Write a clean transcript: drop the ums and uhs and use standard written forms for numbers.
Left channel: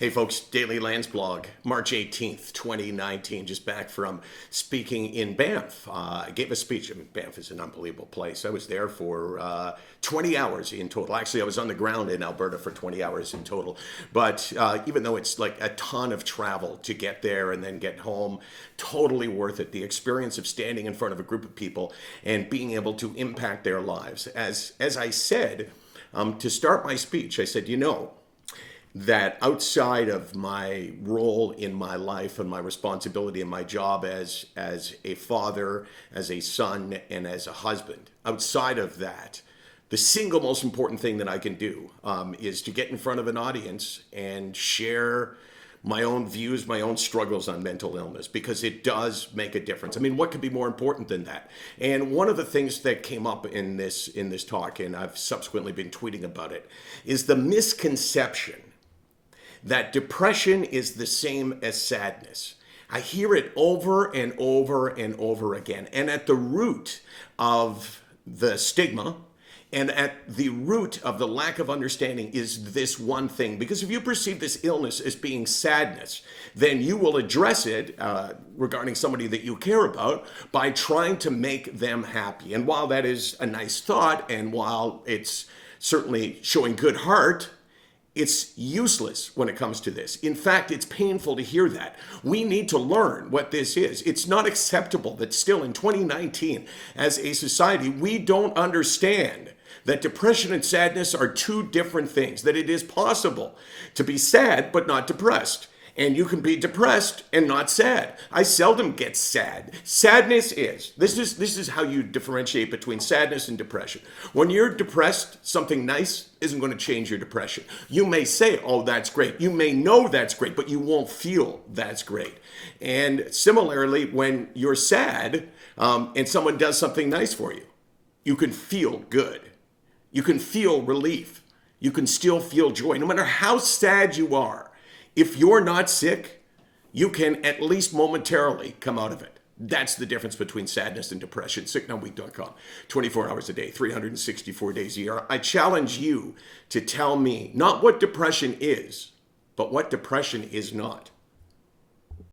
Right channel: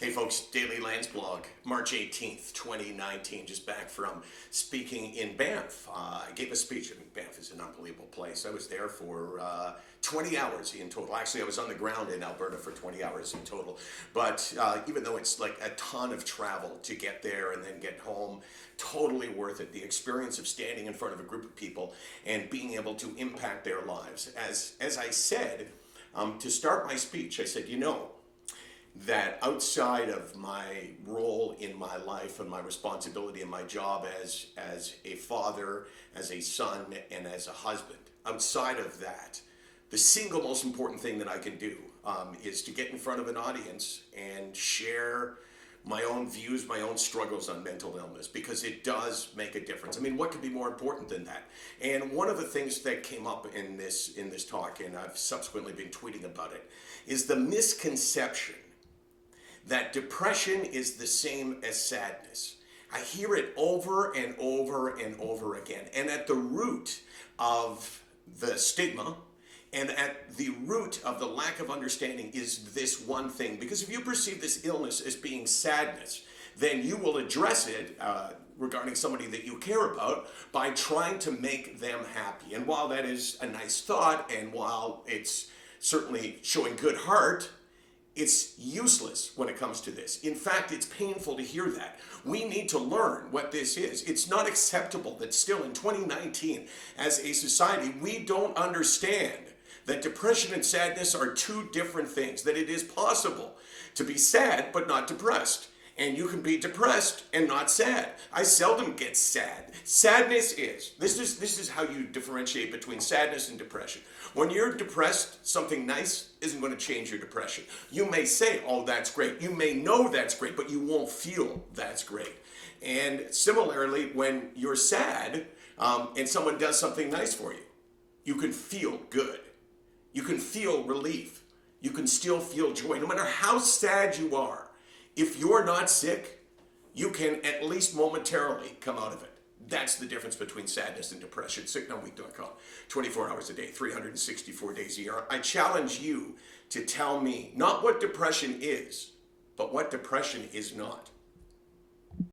Hey folks, Daily Landsblog, March 18th, 2019, just back from speaking in Banff. I gave a speech. I mean, Banff is an unbelievable place. I was there for 20 hours in total. Actually, I was on the ground in Alberta for 20 hours in total. But even though it's like a ton of travel to get there and then get home, totally worth it. The experience of standing in front of a group of people and being able to impact their lives. As I said, to start my speech, I said, that outside of my role in my life and my responsibility and my job as a father, as a son, and as a husband, outside of that, the single most important thing that I can do is to get in front of an audience and share my own views, my own struggles on mental illness, because it does make a difference. I mean, what could be more important than that? And one of the things that came up in this talk, and I've subsequently been tweeting about it, is the misconception that depression is the same as sadness. I hear it over and over and over again. And at the root of the stigma and at the root of the lack of understanding is this one thing. Because if you perceive this illness as being sadness, then you will address it regarding somebody that you care about by trying to make them happy. And while that is a nice thought, and while it's certainly showing good heart, it's useless when it comes to this. In fact, it's painful to hear that. We need to learn what this is. It's not acceptable that still in 2019, as a society, we don't understand that depression and sadness are two different things, that it is possible to be sad but not depressed. And you can be depressed and not sad. I seldom get sad. Sadness is. This is how you differentiate between sadness and depression. When you're depressed, something nice isn't going to change your depression. You may say, oh, that's great. You may know that's great, but you won't feel that's great. And similarly, when you're sad and someone does something nice for you, you can feel good. You can feel relief. You can still feel joy. No matter how sad you are, if you're not sick, you can at least momentarily come out of it. That's the difference between sadness and depression. SickNotWeak.com. 24 hours a day, 364 days a year. I challenge you to tell me not what depression is, but what depression is not.